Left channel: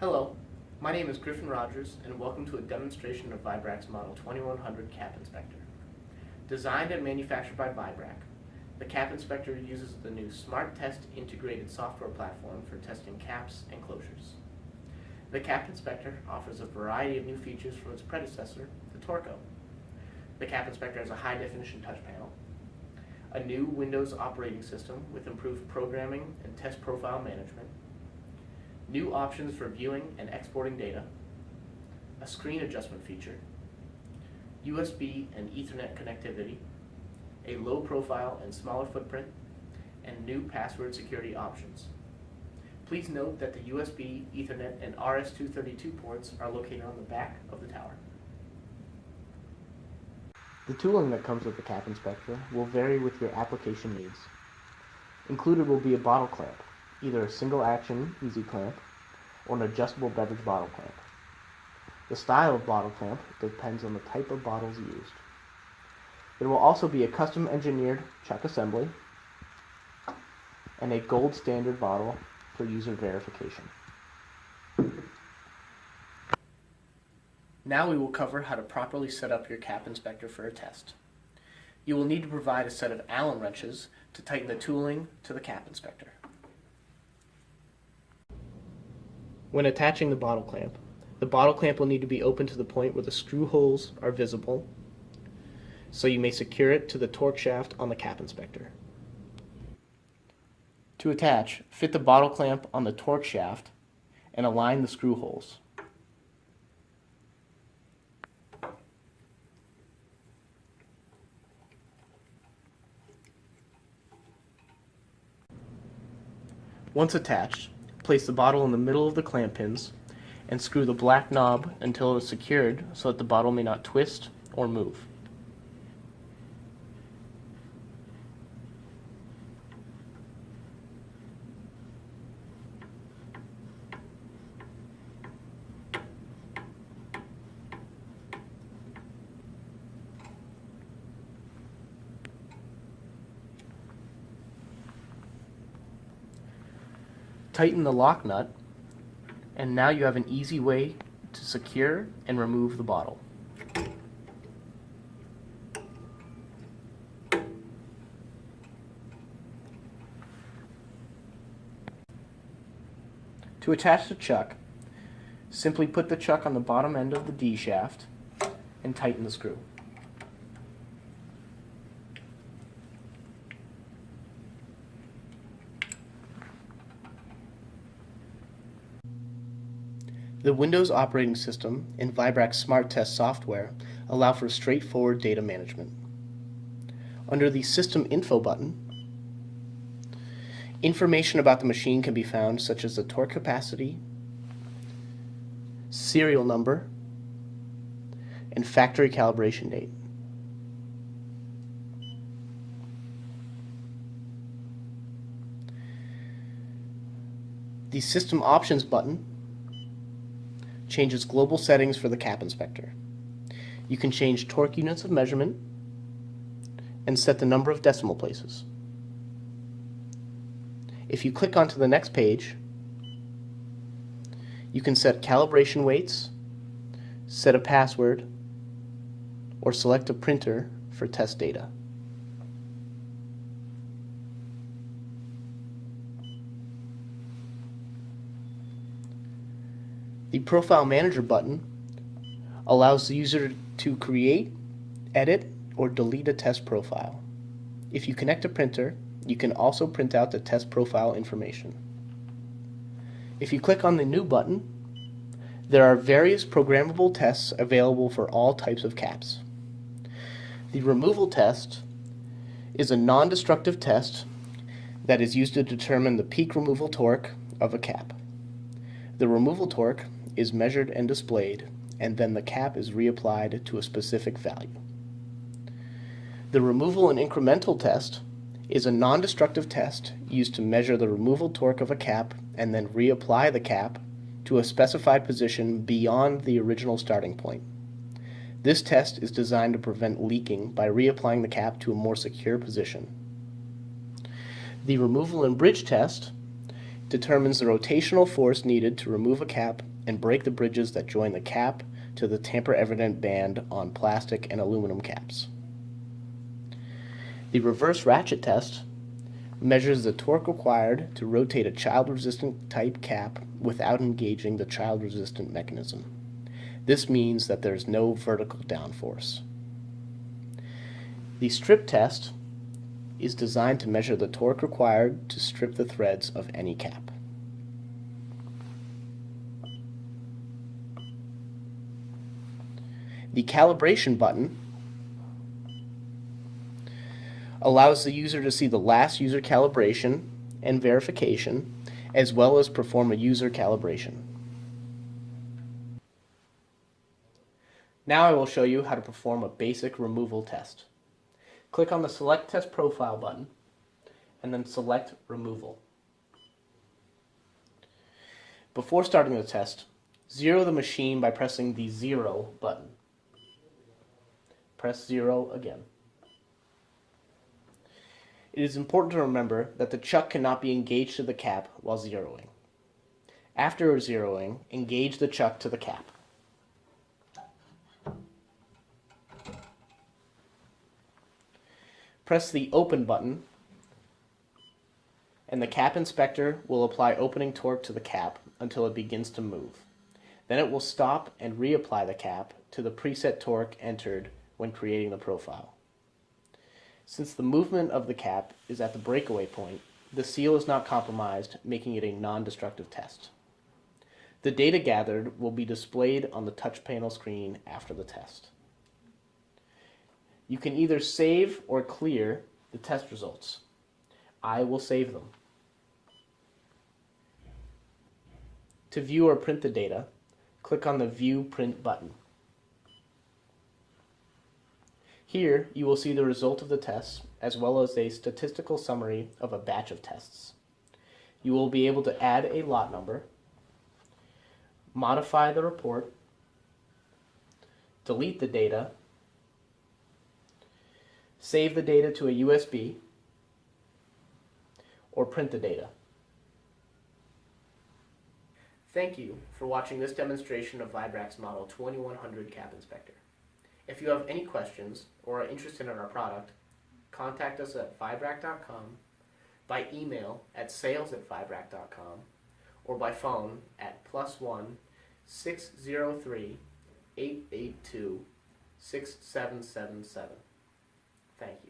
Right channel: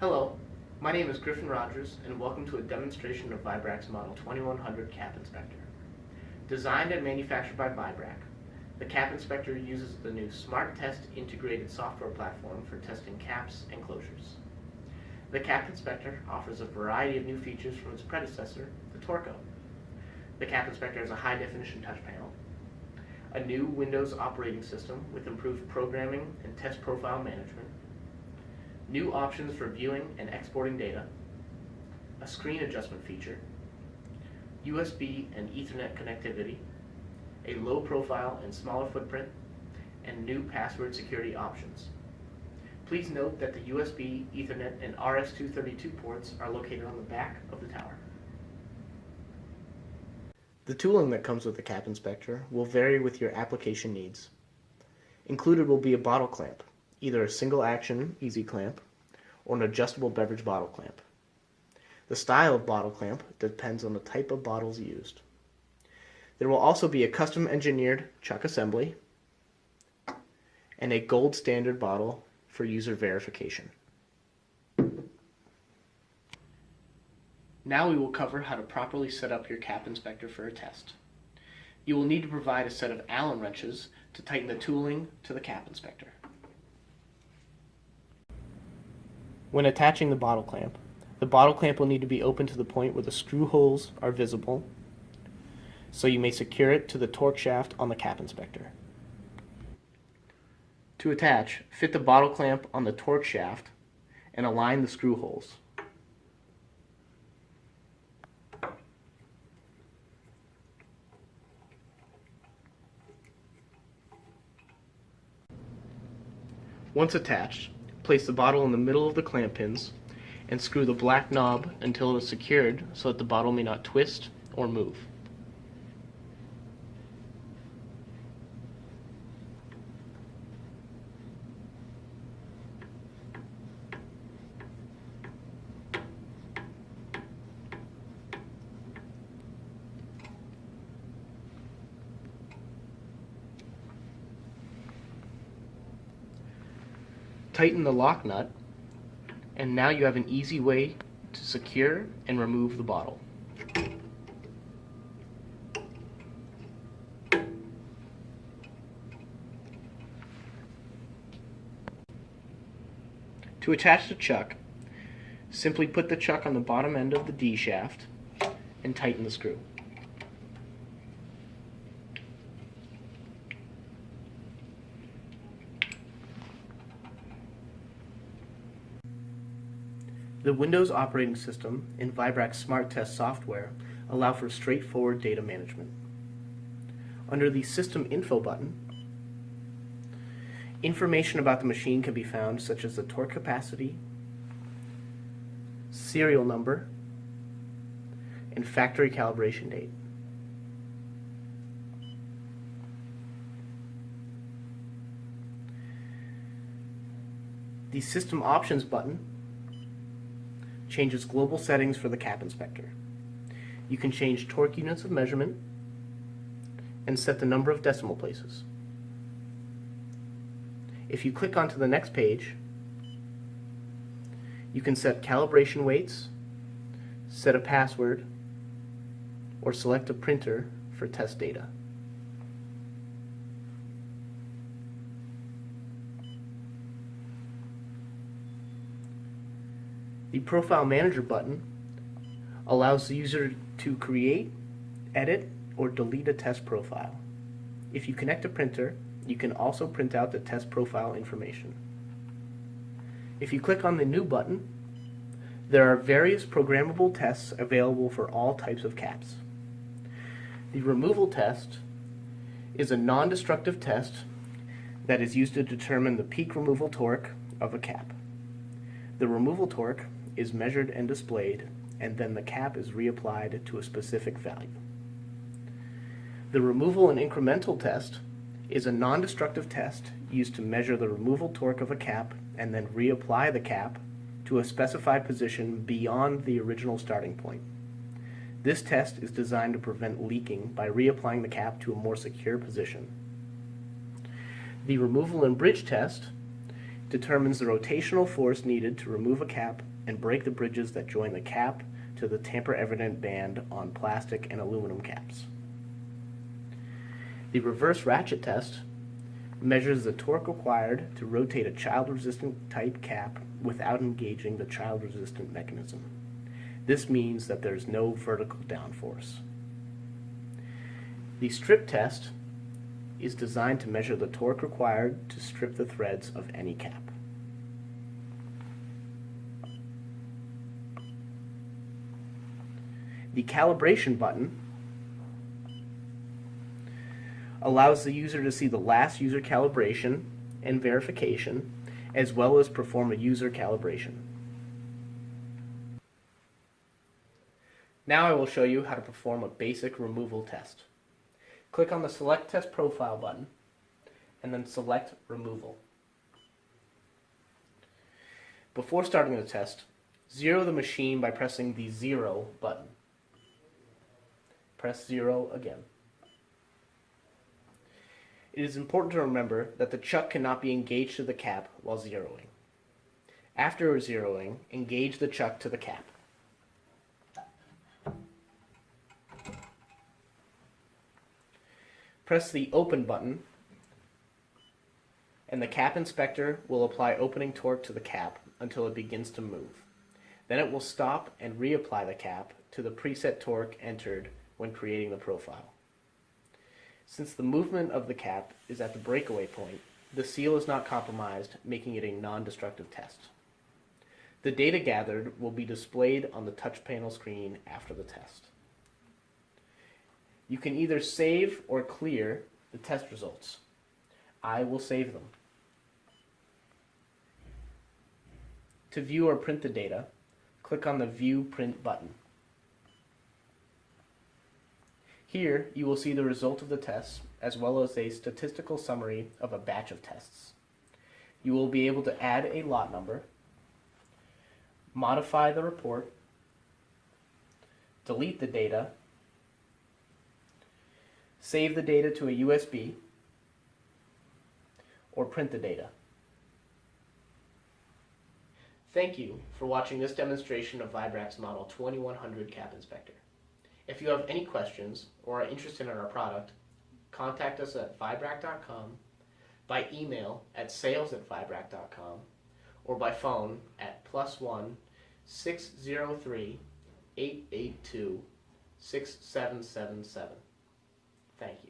Hello, my name is Griffin Rogers and welcome to a demonstration of Vibrac's Model 2100 Cap Inspector. Designed and manufactured by Vibrac, the Cap Inspector uses the new Smart Test integrated software platform for testing caps and closures. The Cap Inspector offers a variety of new features from its predecessor, the Torco. The Cap Inspector has a high-definition touch panel, a new Windows operating system with improved programming and test profile management, new options for viewing and exporting data, a screen adjustment feature, USB and Ethernet connectivity, a low profile and smaller footprint, and new password security options. Please note that the USB, Ethernet, and RS-232 ports are located on the back of the tower. The tooling that comes with the Cap Inspector will vary with your application needs. Included will be a bottle clamp, either a single action easy clamp or an adjustable beverage bottle clamp. The style of bottle clamp depends on the type of bottles used. There will also be a custom engineered chuck assembly and a gold standard bottle for user verification. Now we will cover how to properly set up your Cap Inspector for a test. You will need to provide a set of Allen wrenches to tighten the tooling to the Cap Inspector. When attaching the bottle clamp will need to be open to the point where the screw holes are visible, so you may secure it to the torque shaft on the Cap Inspector. To attach, fit the bottle clamp on the torque shaft and align the screw holes. Once attached, place the bottle in the middle of the clamp pins and screw the black knob until it is secured so that the bottle may not twist or move. Tighten the lock nut, and now you have an easy way to secure and remove the bottle. To attach the chuck, simply put the chuck on the bottom end of the D shaft and tighten the screw. The Windows operating system and Vibrac's Smart Test software allow for straightforward data management. Under the System Info button, information about the machine can be found, such as the torque capacity, serial number, and factory calibration date. The System Options button changes global settings for the Cap Inspector. You can change torque units of measurement and set the number of decimal places. If you click onto the next page, you can set calibration weights, set a password, or select a printer for test data. The Profile Manager button allows the user to create, edit, or delete a test profile. If you connect a printer, you can also print out the test profile information. If you click on the New button, there are various programmable tests available for all types of caps. The Removal test is a non-destructive test that is used to determine the peak removal torque of a cap. The removal torque is measured and displayed, and then the cap is reapplied to a specific value. The removal and incremental test is a non-destructive test used to measure the removal torque of a cap and then reapply the cap to a specified position beyond the original starting point. This test is designed to prevent leaking by reapplying the cap to a more secure position. The removal and bridge test determines the rotational force needed to remove a cap and break the bridges that join the cap to the tamper-evident band on plastic and aluminum caps. The reverse ratchet test measures the torque required to rotate a child-resistant type cap without engaging the child-resistant mechanism. This means that there is no vertical downforce. The strip test is designed to measure the torque required to strip the threads of any cap. The calibration button allows the user to see the last user calibration and verification, as well as perform a user calibration. Now I will show you how to perform a basic removal test. Click on the Select Test Profile button, and then select Removal. Before starting the test, zero the machine by pressing the 0 button. Press 0 again. It is important to remember that the chuck cannot be engaged to the cap while zeroing. After zeroing, engage the chuck to the cap. Press the Open button, and the cap inspector will apply opening torque to the cap until it begins to move. Then it will stop and reapply the cap to the preset torque entered when creating the profile. Since the movement of the cap is at the breakaway point, the seal is not compromised, making it a non-destructive test. The data gathered will be displayed on the touch panel screen after the test. You can either save or clear the test results. I will save them. To view or print the data, click on the View Print button. Here, you will see the result of the tests, as well as a statistical summary of a batch of tests. You will be able to add a lot number, modify the report, delete the data, save the data to a USB, or print the data. Thank you for watching this demonstration of Vibrac's Model 2100 Cap Inspector. If you have any questions or are interested in our product, contact us at Vibrac.com, by email at sales@Vibrac.com, or by phone at +1 603 882 6777. Thank you.